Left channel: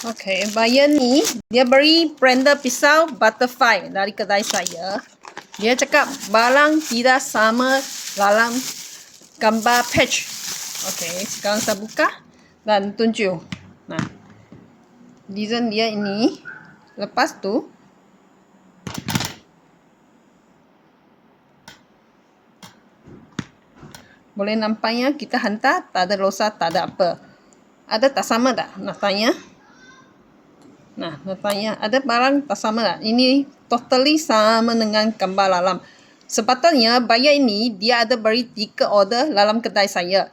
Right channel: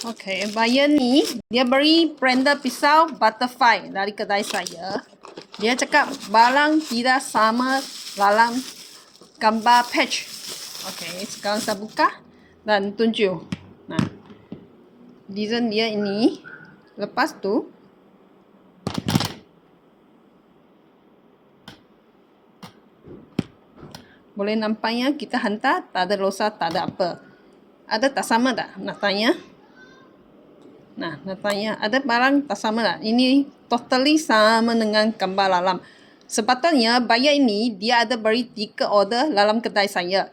Okay, buyer ni dia beri blender pisau butterfly dari kedai saya. Dia cakap barang tidak sama dalam gambar patch. Okay, sekarang saya buka dan tunjuk. Nah, design dia ini. Lepas tu boleh nampaknya kita hantar tak ada rosak, tak ada apa. Ada tak sama tak? Nak tanya. Nah, nak tanya, ada barang tak sama tak? Ini totally sama dengan gambar dalam. Sepatutnya buyer ini dia ada beri 3 order dalam kedai saya.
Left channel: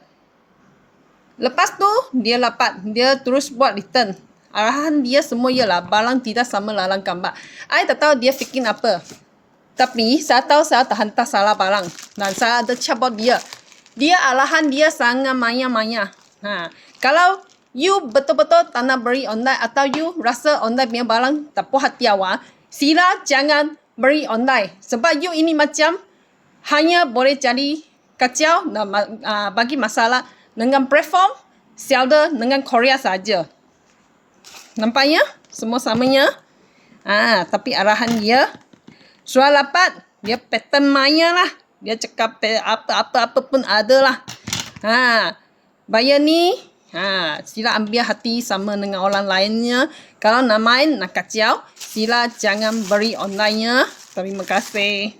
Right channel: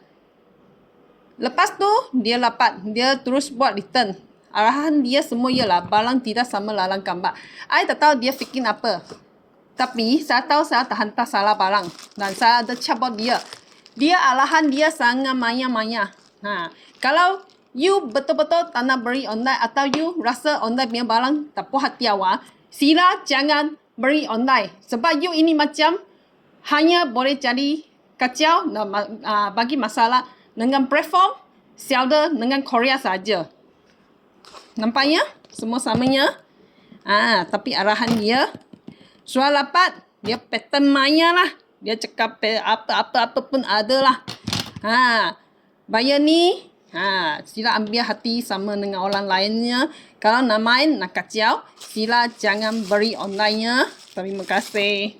Lepas tu dia terus buat return. Arahan dia semua ialah barang tidak sama dalam gambar. I tak tahu dia fikir apa. Tapi saya tahu saya tak hantar salah barang. Dan saya ada cabut dia. Arahan dia sangat maya-maya. Kalau you betul-betul tak nak beri online atau you rasa online punya barang tak puas hati awak, sila jangan beri online. Sebab you ini macam hanya boleh jadi kacau dan bagi masalah dengan platform seller dengan Korea saja. Nampaknya semua samanya. Tapi arahan dia soal dapat dia pattern maya lah. Dia cakap apa-apa pun ada lah. Buyer ni sila ambil hati sama dengan orang lainnya. Kalau nak main, nak kacau, sila jangan beri online-nya. Terima kasih.